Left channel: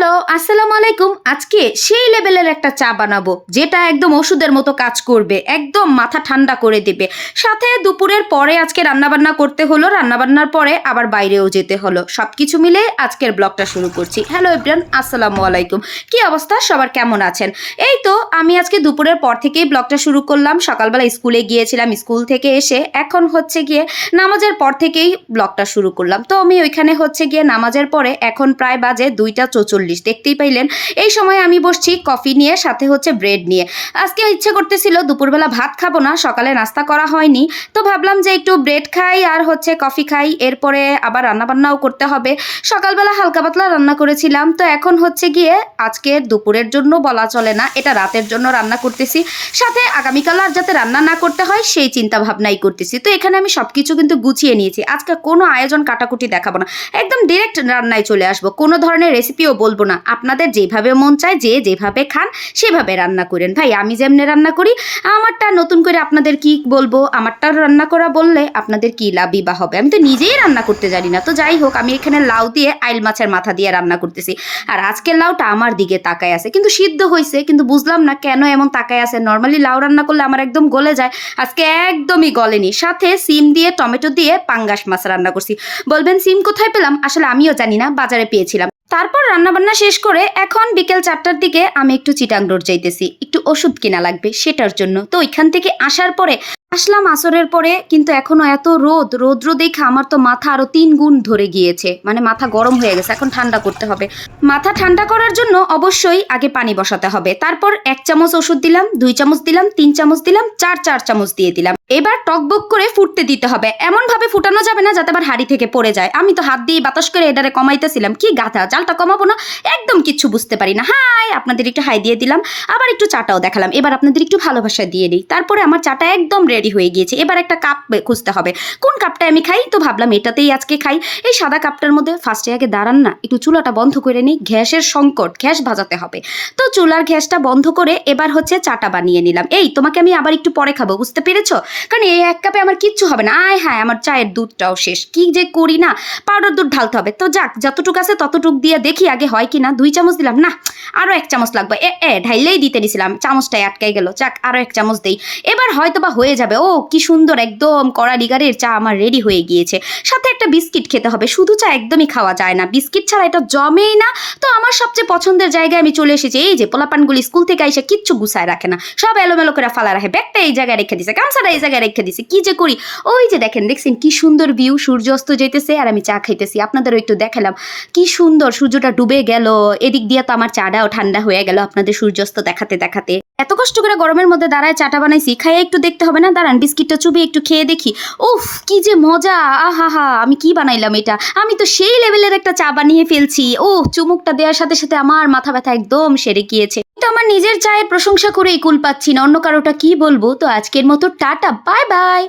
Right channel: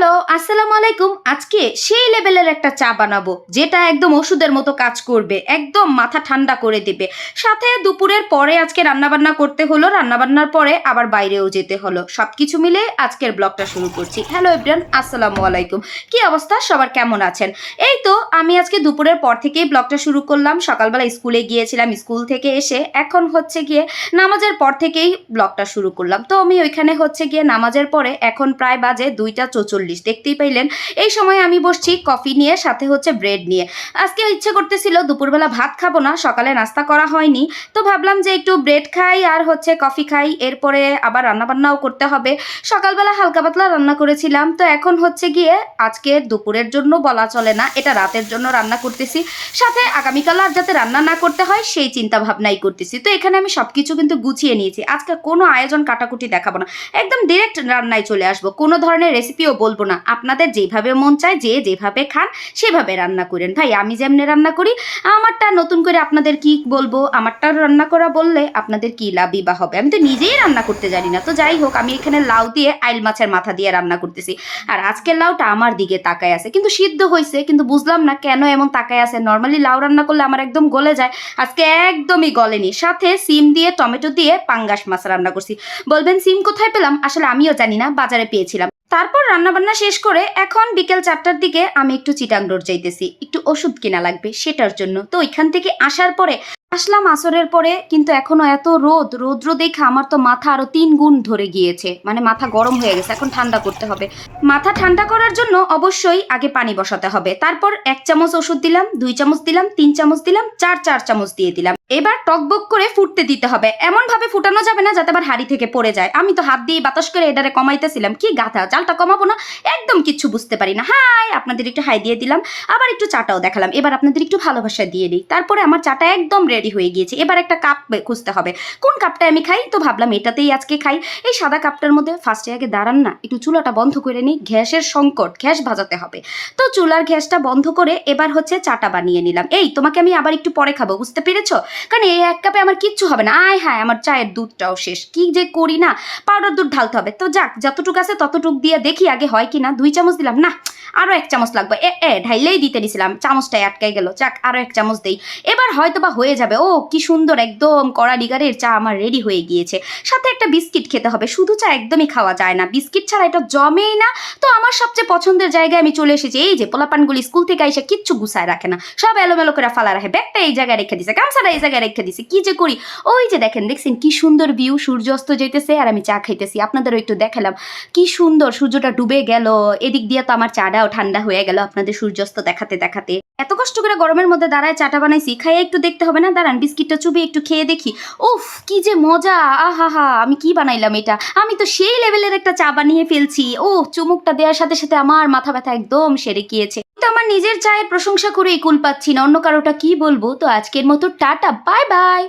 Hello, আসসালামু আলাইকুম। আজকে সেই লেভেলের একটা চা বানাবো যেটা একদম ওষুধের মতো কাজ করবে, একদম মাথা ঠান্ডা করে দেবে। সাথে দুপুরের পরে আজকে রান্নাবান্না করতে হলো, রান্নাবান্নার পরে আবার বাইরেও যেতে হলো। সবকিছু মিলে আজকের ব্লগটা শুরু করছি। হ্যালো এভরিওয়ান, আসসালামু আলাইকুম। কি অবস্থা, সবার কেমন আছেন? এই তো আমি আজকে দুপুরের পর থেকেই ব্লগটা শুরু করলাম। সকালবেলা স্কুলে গিয়েছিলাম, স্কুল থেকে এসে এখন হচ্ছে গিয়ে নামাজের পর থেকেই ব্লগটা শুরু করলাম। তো আমি ওইখানে হচ্ছে গিয়ে নামাজের পরে এখন প্রায় বাজে 2টা 44, দেখতেই পাইলেন। এই সময় আমি বসছি কফি নিয়ে, সাথে হচ্ছে ব্রেড নিয়ে। আজকে ইচ্ছে করতেছিল দুপুরবেলা ভাত খাবো না, সকালে নাস্তা করা হয়নি, তো ভাবলাম যে একটু ব্রেড খাই আর হচ্ছে কফি খাই, এরপরে আবার রান্নাবান্নাও করতে হবে। সকালবেলা হালকা পাতলা রান্না করেছিলাম, তো এখন হচ্ছে গিয়ে আজকে দুপুরের জন্য বলা চলে না, এটা রাতের জন্য রান্না করতেছি। সাথে আগামীকাল আর যাতে রান্না না করতে হয় সেই চিন্তা ভাবনাই করতেছি। তো এখানে আমি সবকিছু কিন্তু গুছিয়ে নিয়েছি। আজকে কোনো আয়োজন কাটাকুটি দেখাবো না, একদম ডিরেক্ট রান্নায় চলে আসবো। কোনো ধরনের রেসিপিও বলবো না, আপনাদের যেভাবে মন চায় যে যেভাবে খান সেভাবে রান্না করেন। ভাই আমি যেমনি রান্না করি আমারটা নতুন করে আপনাদের কি বলবো, আমারটা রান্না করা বললে আপনাদের কি লাভই বা হবে? আমি তো নিজেই রান্না করতে জানি না। তো যাই হোক, আমি এখানে লাউ দিয়ে আইল মাছের মাথা দিয়ে রান্না করতেছি। আর আজকের লাউটা আমার দিকে তাকায় আছে, কিন্তু সিদ্ধ হয়েছে, কিন্তু বুঝলাম না কেন এমন তাকায় আছে। নর্মালি লাউ রান্না করলে আমার একদম গলে যায়, আজকে একদমই গলেনি। সাথে সিম দিয়ে টমেটো দিয়ে পাঙ্গাস মাছ রান্না করছি। বলবেন সিম কোথায় পেলাম? আসলে আমিও জানি না, বাজারে পেয়েছিলাম। তারপর রান্নাবান্না শেষ করে এখন বিকেল 4টার দিকে আমি একটু চিটাং রোড যাইতেছি, একটু ওষুধ কিনা লাগবে সেটার জন্য। তো ওইখান থেকে আসার পরে আসলাম আসরের পরে, কিন্তু এখনো এত রৌদ্র দেখে আমার তো মাথা আরো 3 গুণ ধরে গিয়েছে, মানে মাথা গরম হয়ে গেছে। এখন ঠান্ডা করতে হবে। মাথা ঠান্ডা করার জন্য অবশ্যই আগে পানি বসাতে হবে, তারপর 1 চামচ ওষুধ দিলাম, 2 চামচ দিলাম, 3 চামচ দিলাম, 4 চামচ দিয়ে দিলাম। এবার টকবক করে ফুটতে দিতে হবে, এমন ভাবে ফুটানো যাবে না যাতে আবার হাড়ি থেকে পড়ে যায়। আমি তো হাত দিয়ে বাতাস করে এটারে কমাইতেছিলাম, কি গাধা, জালটা কমাবো না, একদম কিচ্ছু বুঝতে পারি না। হাই, আপনাদের একটু হাই দিয়ে দিলাম, আবার একটু চাটাও দেখালাম। এবার আপনাদের একটু ভালোবাসা দিয়ে দিই। তারপরে আমার চাটা একদম রেডি হয়ে গিয়েছে। এবার একটা কাপ খুঁজতে হবে, কোন কাপটা আমি খাই। তো ভাবলাম এটাতেই আজকে খাই। এই সাদা কাপটার মধ্যে ফার্স্টে আগে দাঁড়ান না, একটু চুলাটা বন্ধ করে নিই, গ্যাসের সংকট, গ্যাস ভাজাতে হবে। তো চুলার গ্যাসটা বন্ধ করে এবার হচ্ছে চাটা বানিয়ে নিলাম। এই তোমাকে আমি আবার একটু পরে খাবো, বুঝতে পেরেছো? কারণ এই 1 কাপে আমার কিচ্ছু হবে না। আয় হায়, আমার চায়ের দুধটাও শেষ, কি যে করি না। পাউডার দুধ ঢালতে হবে। তো যাক, যতটুকু আছে ততটুক দিয়ে দেখি আগে হয় কি না। 2 চামচ দিলাম, না আরো 1 চামচ লাগবে। ঢাইলেই দিতে নিছিলাম, চামচটাই আটকাই গেল। যাক, আরো 1 চামচ দেই, এবার হয়তো বা হয়ে যাবে। ও কি সুন্দর, একদম কড়া লিগারের চা আমার রেডি হয়ে গিয়েছে। সাথে একটা বিস্কিট খেতে হবে, শুধু চা একদমই খাওয়া যায় না, বিস্কিট ছাড়া এটা জমেই না। তো আমার সবচেয়ে পছন্দের জায়গায় আমি চলে এসেছি। এই যে পোলাপানগুলি স্কুল থেকে এসে কিচ্ছু গুছায় রাখে না, সব এলোমেলো করে ফালা রাখে। ব্যাগটা এই জায়গায় রেখে দিছে, গামছাটা এই জায়গায় রেখে দিছে, কি যে করি। ওই যে দেখেন, দেখছেন কি সুন্দর ভিউ, সূর্যাস্ত যাইতেছে আর আমি চা খাইতেছি। আপনাদেরও একটু দেখালাম কি সুন্দর সূর্যটা ডুবে গেল, এদিক দিয়ে তো আমার চাটাও ঠান্ডা হয়ে গেল আপনাদের সূর্যাস্ত দেখাতে দেখাতে। এত কষ্ট করে গরমের মধ্যে দাঁড়ায় চাটা বানাইছি, খাইয়ে একটু দেখতে হবে না? দাঁড়ান বিস্কিটটা চুবিয়ে একটু খেয়ে দেখি। উফ, কি যে মজা, আহা হা, আমি কি বানাইলাম এটা, আমি তো সেই লেভেলের একটা চা বানিয়ে ফেলছি। ও, চুমুকটা দেওয়ার সাথে সাথে আমার মাথা ব্যথা একদম সেরে গিয়েছে। তো আমার নিজের চায়ের প্রশংসা করেই কুল পাচ্ছি না, অন্য কারোটা কি বলবো। তো আজকের মতো টাটা, বাই বাই।